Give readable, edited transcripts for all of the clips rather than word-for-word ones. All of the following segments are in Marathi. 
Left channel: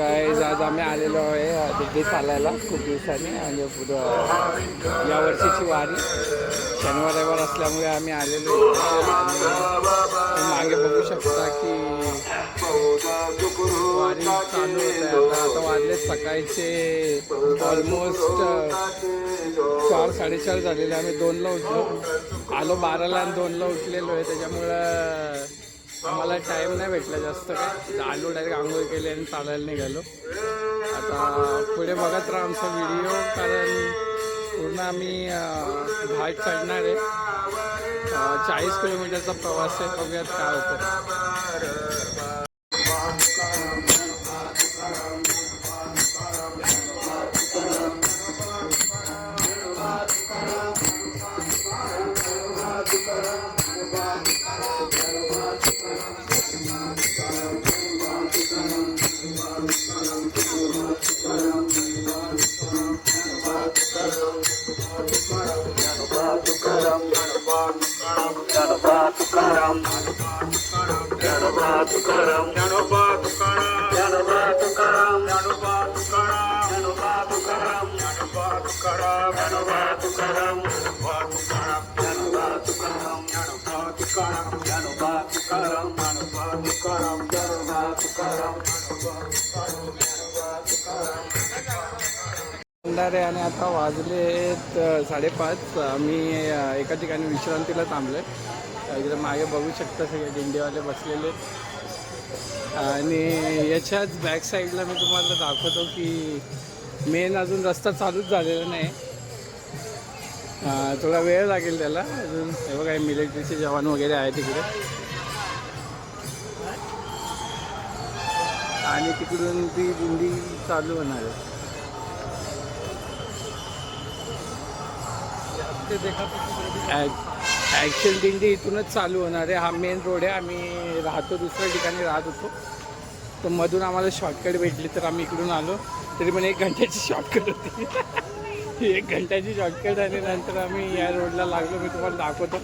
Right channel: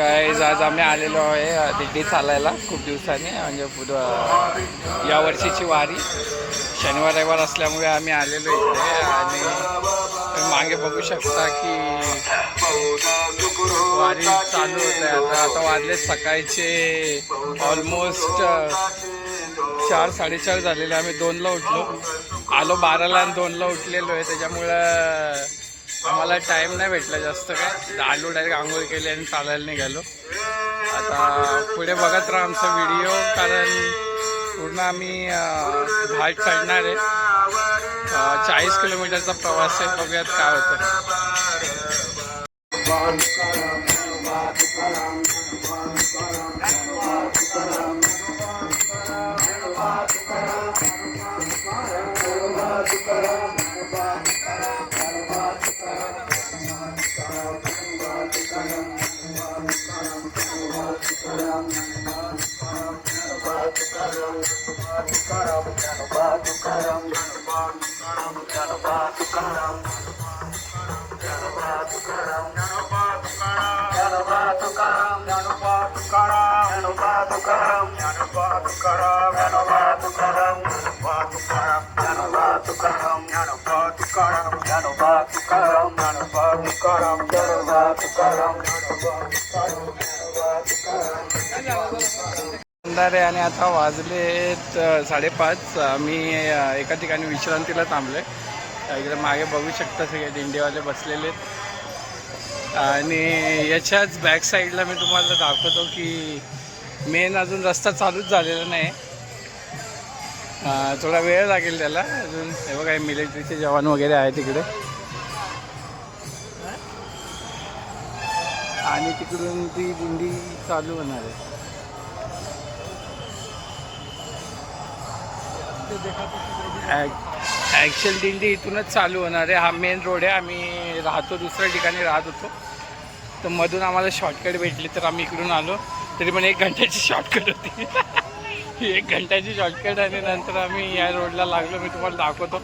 काय आज आम्ही आलेलो आहे दिंडी चालायला खूप दिवसांनी म्हणजे या वर्षीची वारी शनिवार रविवार असल्यामुळे आम्ही आलेलो इथे आणि तुम्ही मागे बघू शकता की वारी चालू होते. आता वाजले सकाळचे ऑलमोस्ट 4-4:30 झालेले. आम्ही 2ला उठलो, आलो 12ला आणि 2ला उठलेलो आहे. त्याच्यामुळं आम्हाला टाईम नाही भेटला जास्त. काय आलो डायरेक्ट आंघोळ केली आणि चालायला निघालो. आता पुढे बघत राहा आमचा व्हिडिओ, कारण पूर्ण आम्ही घाट चढणार आहे. 40 किलोमीटरचा प्रवास आहे. बघूयात काय होतं. आहे आणि आता वाजलेत 5:30. आम्ही एका ठिकाणी विश्रांतीला थांबलोय. इकडे मागे बघू शकता सगळे दिंडीवाले बसलेले आणि याच्याच बॅक साईडला मी तुम्हाला दाखवतो की मेन अजून रस्ता चालूच झालेला नाही. थोडा वेळ लागेल त्याला अजून. हे बघा मिलिटरीचे जवान वगैरे आहे तिकडे आणि तिकडून ती दिंडी चालू होणार आहे. ॲक्च्युअल दिंडी इथूनच चालू होणार आहे. हा मेन रोड आहे. आम्ही राहतो दुसऱ्या ठिकाणी राहत होतो, तर मधून आम्हाला शॉर्टकट भेटली तर आम्ही इकडून आलो. तरी पण 1 घंट्याची शॉर्टकट होती. 1 घंट्याची शॉर्टकट आणि नंतर आम्ही या रोडला लागलो. मी तुम्हाला दाखवतो.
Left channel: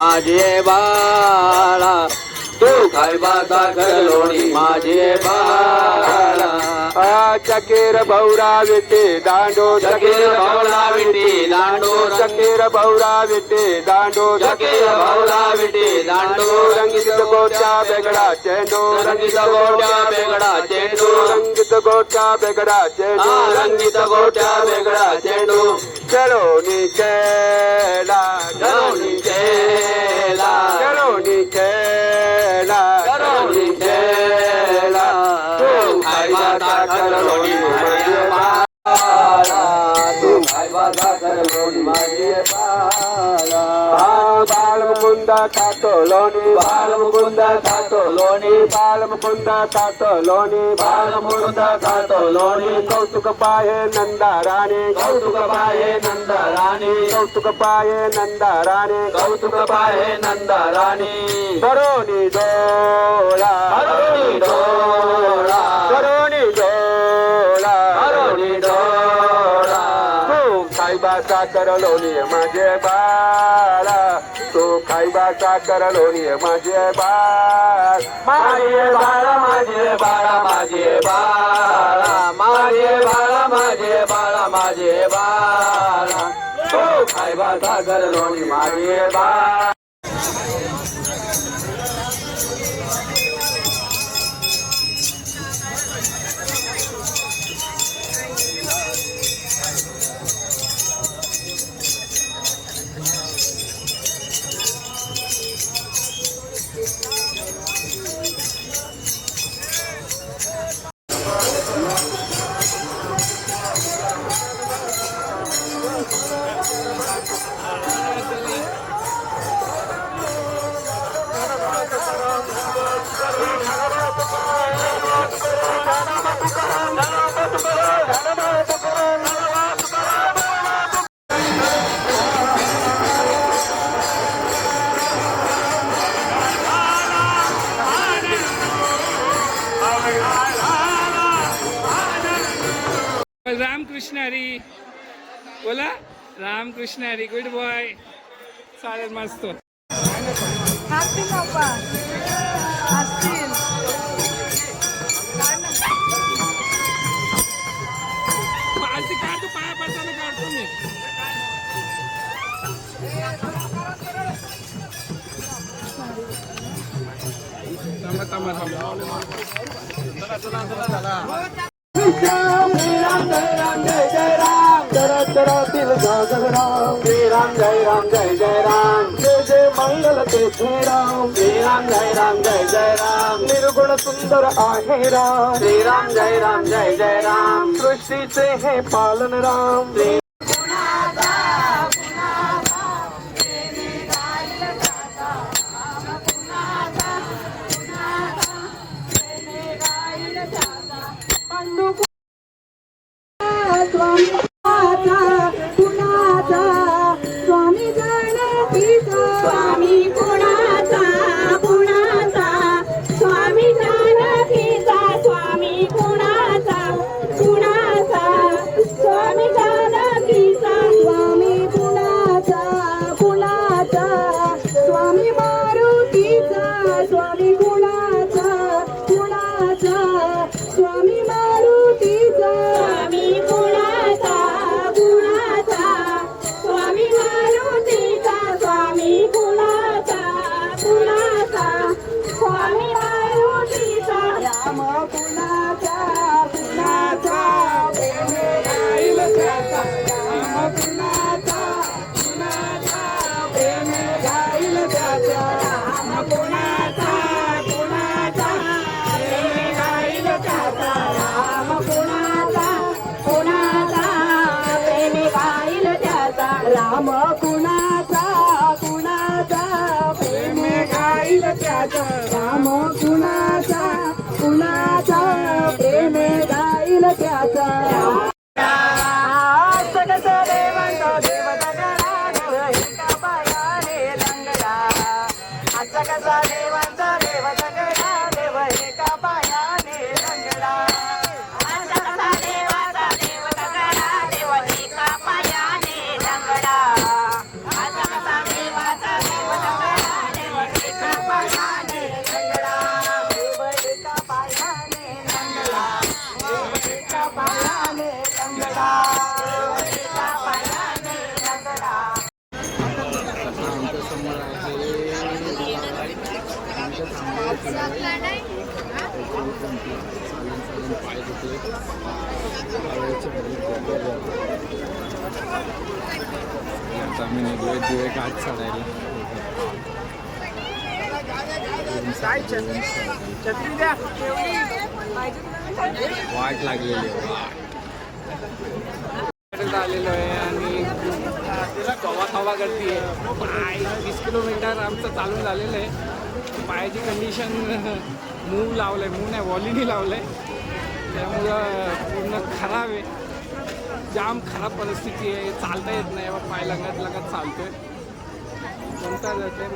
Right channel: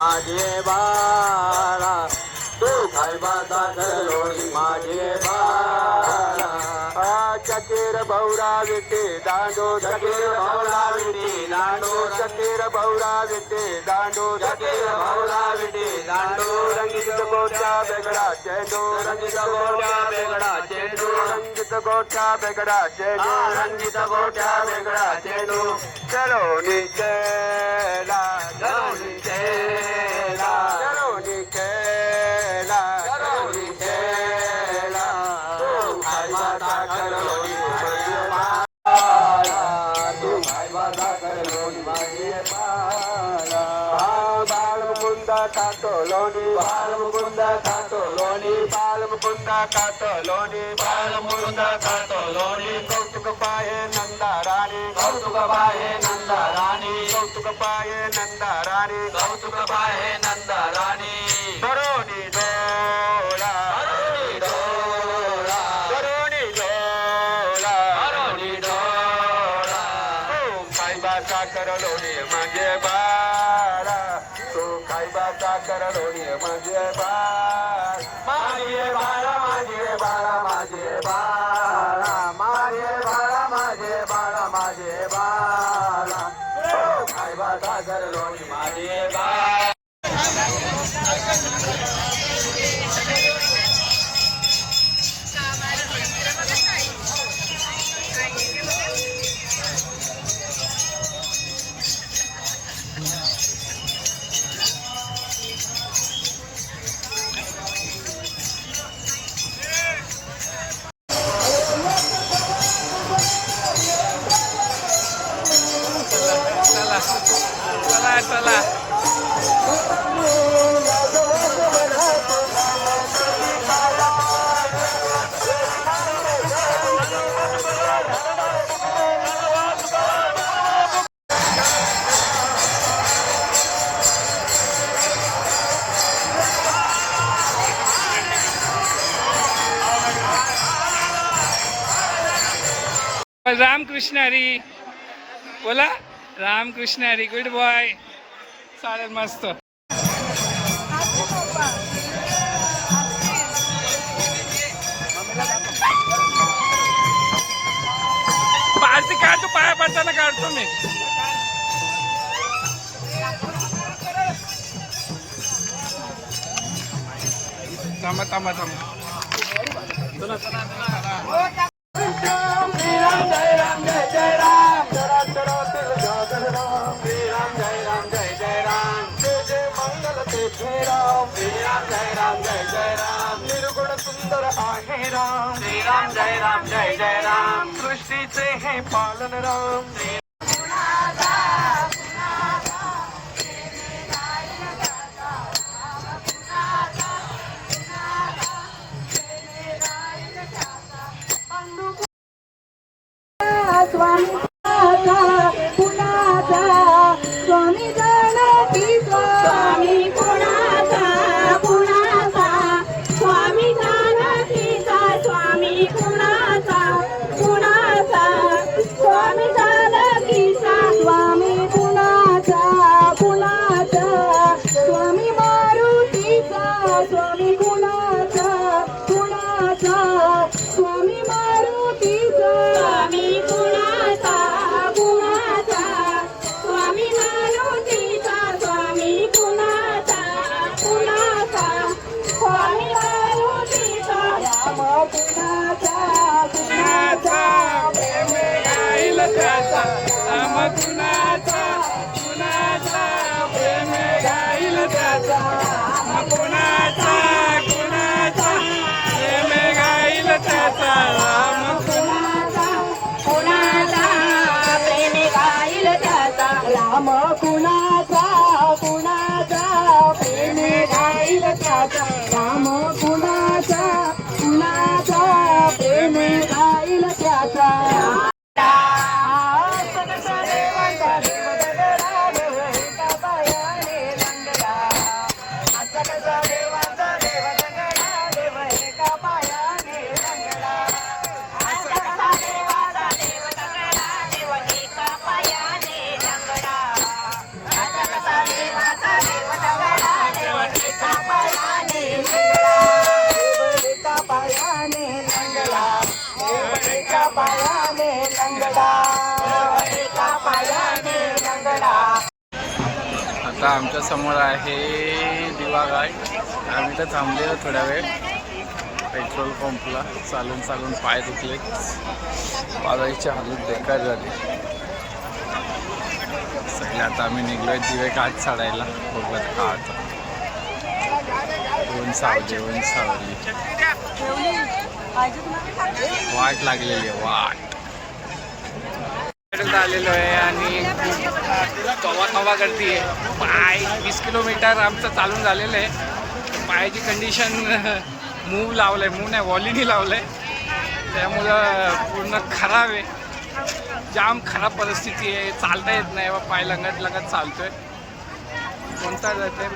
माझे बाळा तू काय बाता करलोणी माझे बाळा. चकेर भौरा विटे दांडो चकेर भौरा विटे दांडो चकेर भौरा विटे दांडो चकेर भौरा विटे दांडो. रंगीत गोट्या बेगडा चेंडू रंगीत गोट्या बेगडा चेंडू रंगीत गोट्या बेगडा चेंडू रंगीत गोट्या बेगडा चेंडू. चलो नी चला चलो नी चला चलो नी चला चलो नी चला. तू काय बाता करलोणी माझे बाळा तू काय बाता करलोणी माझे बाळा. बालमुकुंदा खातो लोणी बालमुकुंदा खातो लोणी बालमुकुंदा खातो लोणी बालमुकुंदा खातो लोणी. कौतुक पाये नंदा राणी कौतुक पाये नंदा राणी कौतुक पाये नंदा राणी कौतुक पाये नंदा राणी. करोनी डोळा करोनी डोळा करोनी डोळा करोनी डोळा. खायबा साखर लोणी माझे बाळा, तू खायबा साखर लोणी माझे बाळ, माझे बाळा माझे बाळा माझे बाळा, माझे बाळा माझे बाळा माझे बाळा, तू खायबा साखर लोणी माझे बाळ. चला चला चला. रामकृष्ण हरी बोला. रामकृष्ण हरी. Good boy. चालेल मस्त. आरती काढतो, पाया पडताना काढतो मी. थांबा थांबा थांबा. निर्गुण सुंदर आहे राम, श्रीराम जय राम जय जय राम, सृष्टीचे हे पालन राम. राम कुणाचा कुणाचा प्रेमे गाईल त्याचा, राम कुणाचा कुणाचा प्रेमे गाईल त्याचा. कसा देवांचा देव दगडा देव एका पायाने दंगडा, आजचा कसा देवांचा देव दगडा देव एका पायाने दंगडा, आजचा कसा देवाचा देव दगडा देव एका पायाने दंगडा, आजचा कसा देवाचा देव दगडा देव एका पायाने दंगडा, एका पायाने दंगडा, एका पायाने दंगडा. आता आमच्या समोर आहे दिवाघाट. आम्ही तर थांबलेलो थोडा वेळ पेट्रोल पंपला. चालून चालून पाय दुखले, पायाची हालत बेकार झाली सगळे. आता आम्ही निघलोय दिवे घाट चढायला. बघत का आता ऊन सावली ऊन सावली, वाट लागलेली आहे वाट. आलेलो आहे आणि कवा कवा करते पाय. 20 किलोमीटर आमचं चालून झालेलं आहे. पायाची कंडिशन मूव लावलंय, मूव नाही वॉलीनी लावलंय, त्यामुळं पूर्ण खराब आहे. जाम खराब परिस्थिती आहे. चालता येत नाही बा, पाय लंगत लंगत चालतोय. कोणता जाते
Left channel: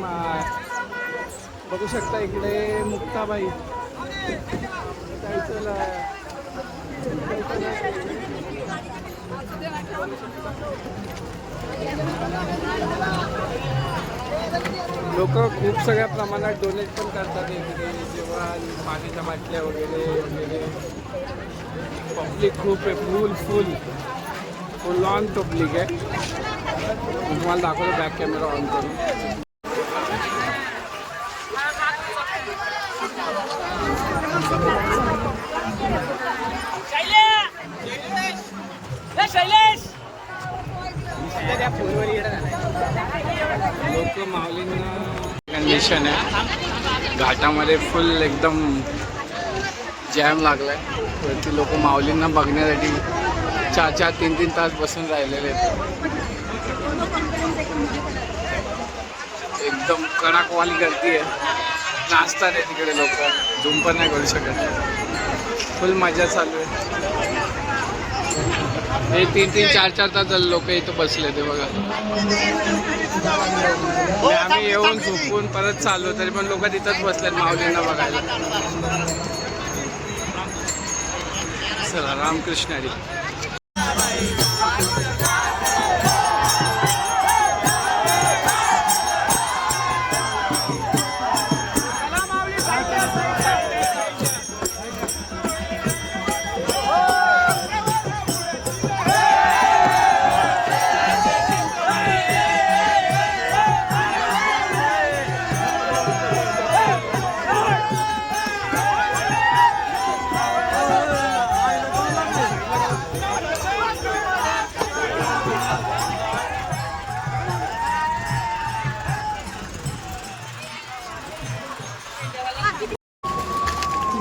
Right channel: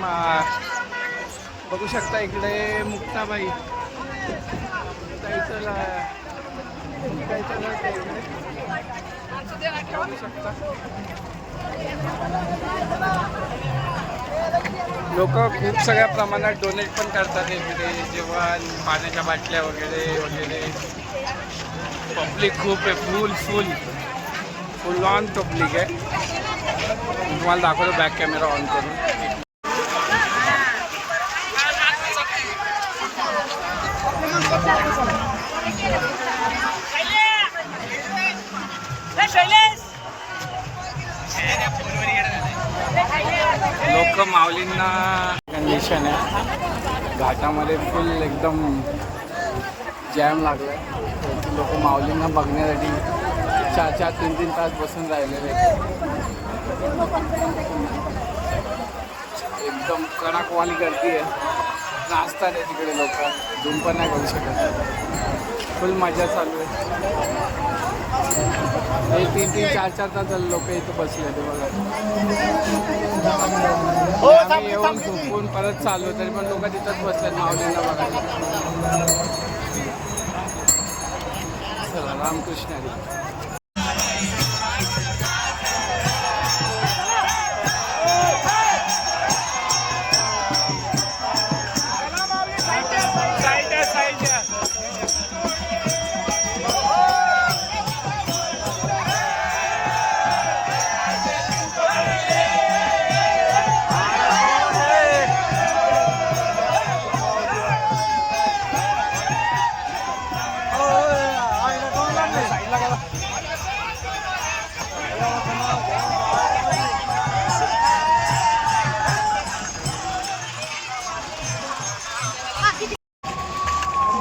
बघू शकता इकडे मुक्ताबाई जायचं. लोक खूप सगळ्या प्रमाणात डोनेट पण करतात इकडे, जेवण, पाण्याच्या बाटल्या वगैरे वगैरे. पब्लिक खूप आहे, फुल ऑन पब्लिक आहे. मी तुम्हाला दाखवतो बॅक कॅमेरा ऑन करून. लोक माऊलींना कंडिशन आहे, घाटामध्ये फुल एकदम जॅम लागलाय. वरती लोक माऊलींना बघण्यासाठी 4-4, 3-3 तास बसून राहिलेले आहेत. एकदम कडाकवाली गर्दी आहे, नाचतात आहे तिकडे लोक, झूम पण नाही करू शकत. फुल मजा चालू आहे. हे 3-3, 4-4 तास झाले लोक इथं बसले ते बघा. आम्ही येऊन झोपून परत चालू, तरी पण लोक तिथंच बसलेत माऊलींना बघायला. चला, रामकृष्ण हरी.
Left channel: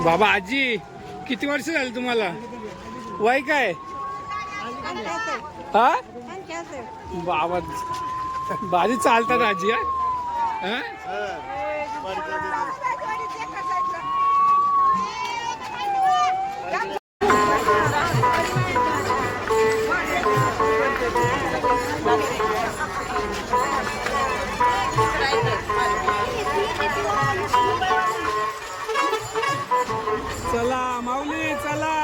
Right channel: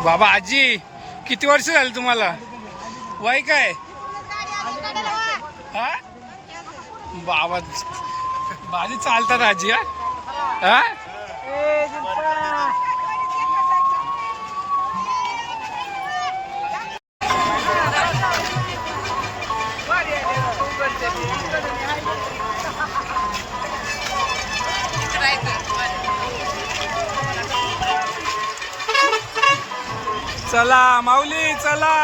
बाबा, आजी किती वर्ष झाली तुम्हाला? वय काय? हा बाबा, भारी चालतात आजी. हा चला माऊली, चला.